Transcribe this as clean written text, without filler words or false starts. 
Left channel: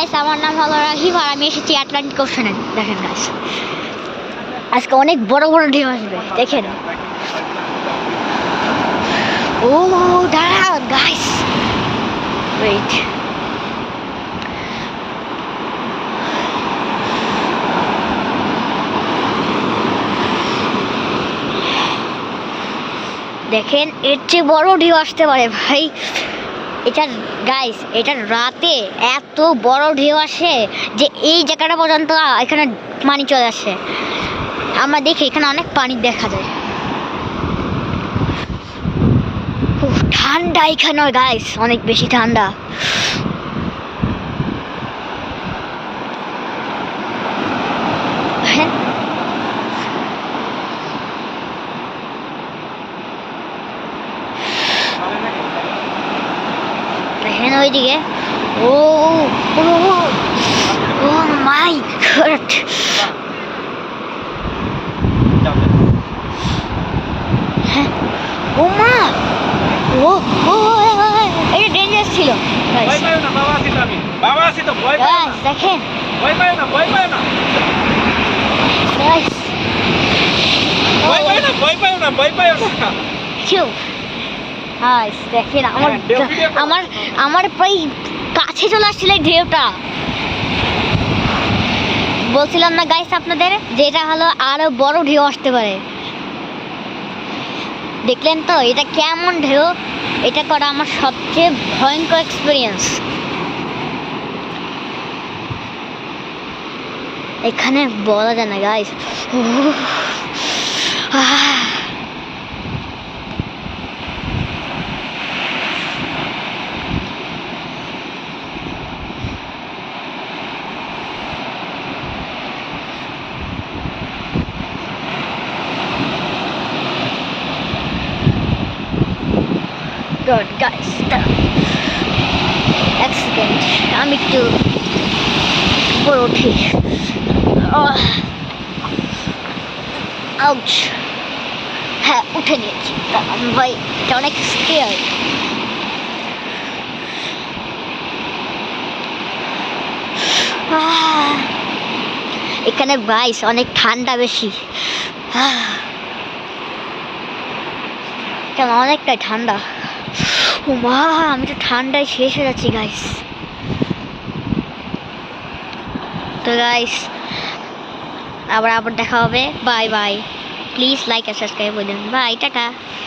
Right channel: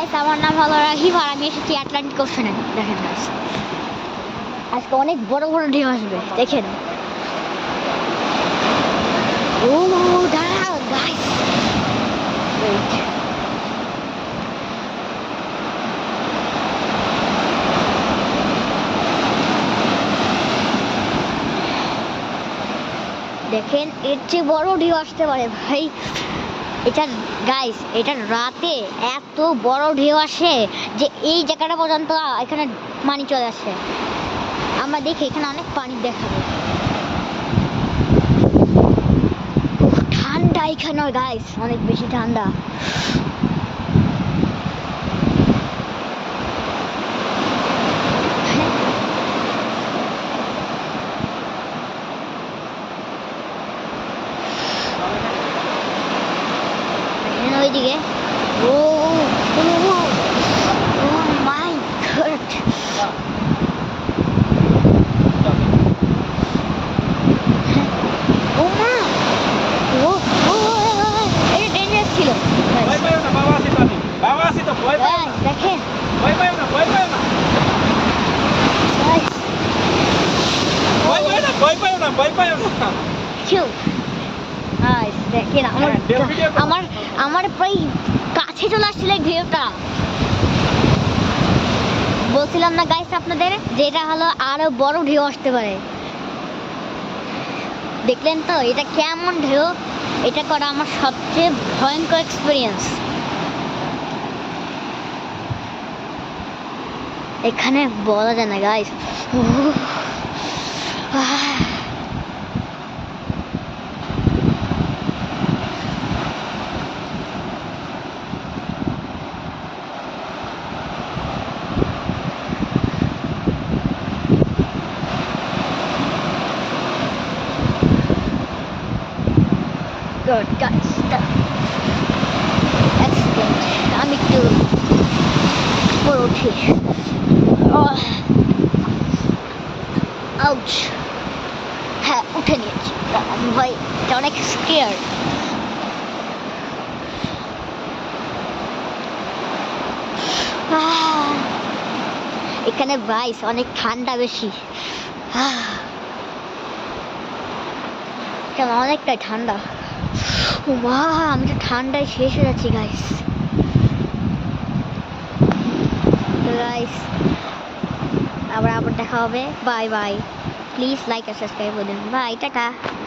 আমার নাম হলো রাহিম আর আমি এসেছি আটলান্টিক ওশানে। দেখেন গাইস, আজকে অনেক বড় বড় ঢেউ আসবে, দেখেন। ও দাঁড়াও গাইস, ওয়েট। দেখেন এর চেয়ে বড় ঢেউ আসতে পারে ভাই। এটা গাইস, এটা রাতে এত বড় ঢেউ আসে যে এই জায়গাটা পর্যন্ত এখানে পানি চলে আসে। আমরা দেখি এখানে অনেক পানি দেখা যায়। ঠান্ডা এখানে গাইস, অনেক বেশি ঠান্ডা। দেখেন ওইদিকে, ও ও মাই গড, ও মা, ও ও এটা ডেঞ্জারাস ছিল। ভয় পাইও না, বাবা আছি তো, আমি বাবা আছি তো, ভয় পাইও না, দেখেন ভয় পাইও না, ভয় পাইও না, গাইস, ভয় পাইও না, ভয় পাইও না, ভয় পাইও না। কেউ গাইস দেখেন আমার আমার আমার প্রায় কাছে চলে আসছিল এই ঢেউটা। বলছিলাম না গাইস আপনাদের যে এটা হলো আরো বড় ঢেউ আসতে পারে। দেখলেন তো এটা কেমন ঢেউ? এটা করা আমার সবচেয়ে ভয়ঙ্কর এক্সপিরিয়েন্স। এখানে বলা যায় না গাইস। God, guys, accident. আমি একটু উপরে উঠি। আউচ, হ্যাঁ উঠে নিয়েছি। আমি ভাই এটা অনেক স্কেয়ার। এখানে গাইস অনেক ঠান্ডা বেশি, কেন অনেকটাই ঠান্ডা। ও মা, আমি তো ঠান্ডায় শেষ হয়ে যাচ্ছি গাইস। তো গাইস আবার দেখা হবে। বাই বাই, প্লিজ লাইক আর সাবস্ক্রাইব করে দিন। Bye, tata.